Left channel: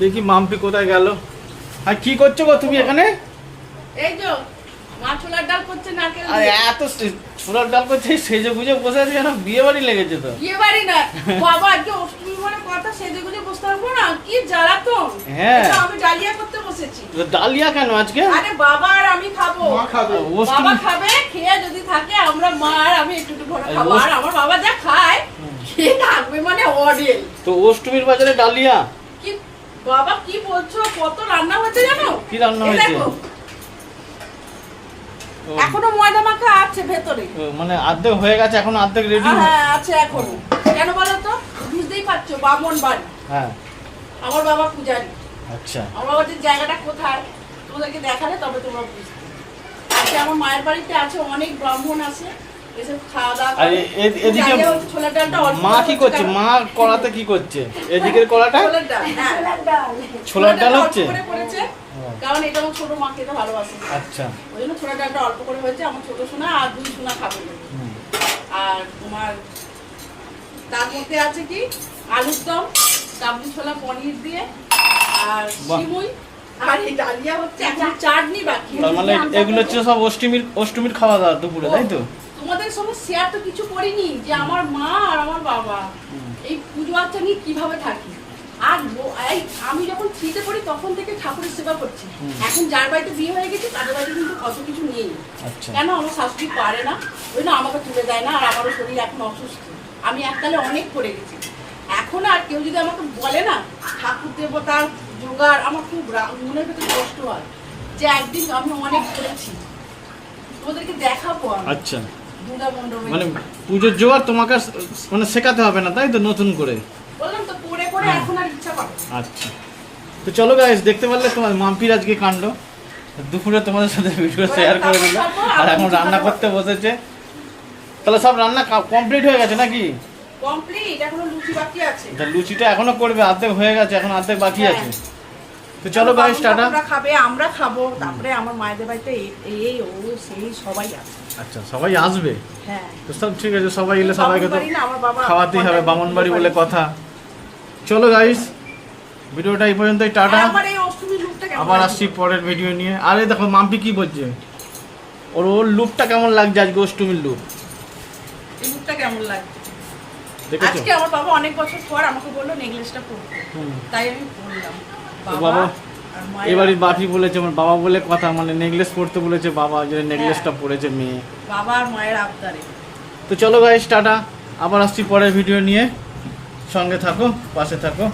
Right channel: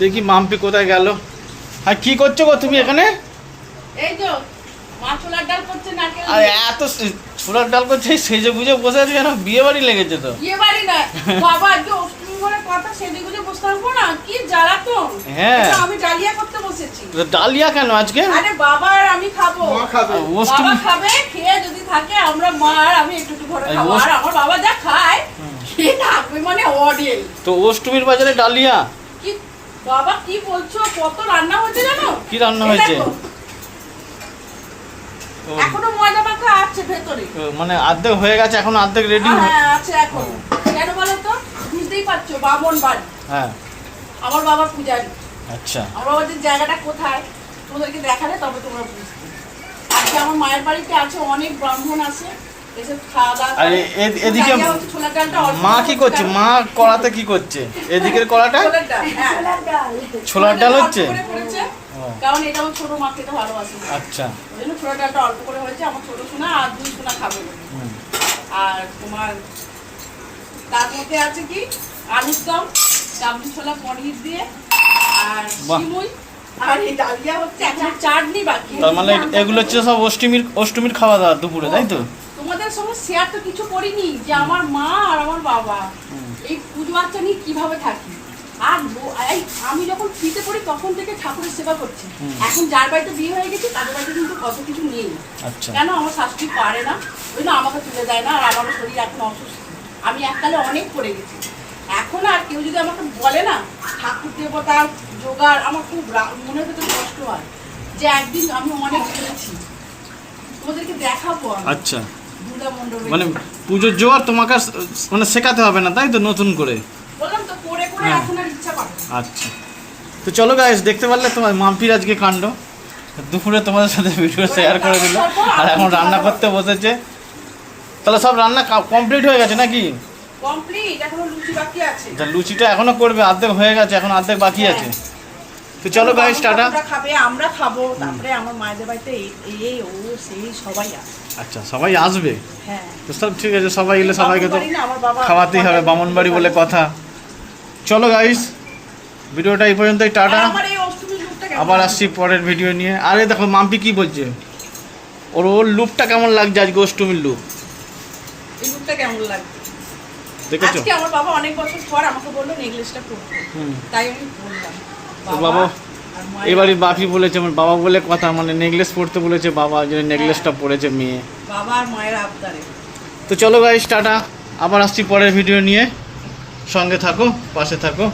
দেখি মাম্পি কোথায় গেল। হ্যাঁ কি করছ গো তুমি এখানে? এই তো আর। এত সে- ছোলার ডাল করছে সেজে গুজে বসে আছে বিয়ে বাড়ি লেগেছে তো। বিয়ে বাড়ি না বাবা আজকে অষ্টমী কথা সেজে গুজে বসতে পারব না? কি জ্বালাতন। হ্যাঁ। আমি ডালিয়া করতে বসেছি। ডালিয়া কেন আজকে? আরে বাবা আর আমি খাব। বাবা খাবে খেয়ে যদি থাকে আমরা মা আর আমি একটু একটু করে খাব। আর আমার বাবা যা খায় খেয়ে থাকবে মানে তো অষ্টমীর বাজারে ডালিয়া? কি বাবা কি বলছো? কত রান্না হচ্ছে জানো? কি রান্না হয়েছে? এখনও ময়দা মাখা আছে ভেতরে। মানে অর্ধেক হয়ে গেছে এখন অর্ধেক রেডি হ্যাঁ আছে এখন। কেন বলো তো? বুঝতেই পারছ বামন বাড়ি। হ্যাঁ। আমার বাবা পূজারি। আচ্ছা। আমার বাবার যে জায়গাটা কোথায়? তোমাদেরকে দেখালে তবে তোমরা বুঝবে। আজকে আমার মায়ের বাড়িতে আছে অনেক ব্রাহ্মণ আছে। আর এদিকে মা কি করছে? মা কড়াতে কি করছে? এদিকের কড়াটা? ছোলার ডাল, হ্যাঁ। ছোলার ডাল। অল্প হচ্ছে? করে করেছে, ও, কারণ এটা আমার ছোট মা খেতে ভালোবাসে। আচ্ছা। ওই জন্য ছোলার ডালটা অল্প করে হয়েছে আমার ছোট সোনা আর দুই সোনা খাবে। আর তোমার তার মধ্যে আছে কি? আলুর দম কাবলি ছোলা পনির দিয়ে আর বাহ। সিমুই আর এই ডালিয়া হচ্ছে এখন চাটনি বাকি। তার মানে এগুলো হচ্ছে সব অষ্টমীর অষ্টমীর খাওয়া দাওয়া দুপুরে তাই তো? তোমাদের সঙ্গে শেয়ার তো কিছু করিনি যে আমার মা আর আমার বাবা। এই পুজো আচ্ছা নিয়ে কীভাবে থাকি? আর আমি যখন ফ্রিতে পড়ি তখন থেকে ঠাকুরের সেবা করছি। এখন যার বাড়িতে বিয়ে হয়ে গেছে তাদের বাড়িতে কিন্তু অত কিছু নেই। আচ্ছা। কেন? আমার শাশুড়ি পারে না ওই জন্য আমাকে তুলে দেয় না আর আমারও শরীর এখন অসুস্থ। আমি এককালে অনেক করে গেছি। এখন আর কেউ যদি আমাকে বলে না ঠাকুর দেবতার জোগাড় আমার খুব মনের ভেতরে কষ্ট হয়। যে একদিন আমি অনেক করেছি। ওদেরকে দেখাবো আচ্ছা। মানে পুজোর জোয়ার তোমাকে মানে শেখাতে হবে না তাই তো নতুন করে? হ্যাঁ। আচ্ছা। তো চলো গাইস দেখতে পারলে তোমার মাম্পির আজকে কাণ্ড। দুপুরে তোমাদের সাথে ভিডিও শেয়ার করে দিল। আর এখন রান্না করতে বসেছে। তাহলে সব রান্না কমপ্লিট হয়ে গেছে নাকি? কমপ্লিট এখনও লুচি বাকি আছে। লুচিটা এখনও করবে অর্ধেক হয়ে গেছে এখন অর্ধেক বাকি আছে। তো চলো গাইস টাটা। আমরা খাবে আমরা খাব। তারপরে আমার মায়েদের বাড়িতে এই- ও সেই সবাই আছে। আচ্ছা সবাই আসবে? হ্যাঁ। তো সব ঠিক আছে সবাই এলে সবাইকে তো খাওয়াতেই হবে বামন বাড়ি। বলে কথা। চলো গাইস ভিডিওটা এই পর্যন্তই টাটা। কেমন আবার আসছি পরের ভিডিও নিয়ে। আরে দেখো মাম্পি কি বলছে? ওর ওর লুকটা কেমন লাগছে আজকে অষ্টমীর লুক এই লুকটা কেমন লাগছে? দেখেছ? আজকে আমার বাবা অনেক বছর পর আমাকে বলল নেকলেসটা পরতে। তাই আমি বাবা এবারে বাপি বলেছে আমার বাবা বলে কথা মানে নেকলেস পরতে বলেছে বাবা যে নেকলেসটা পরেছে মেয়ে। বাবা আর মায়ের আবদারে। তো চলো গাইস টাটা। আবার আসছি পরের ভিডিও নিয়ে। সঙ্গে থাকো পাশে থাকো।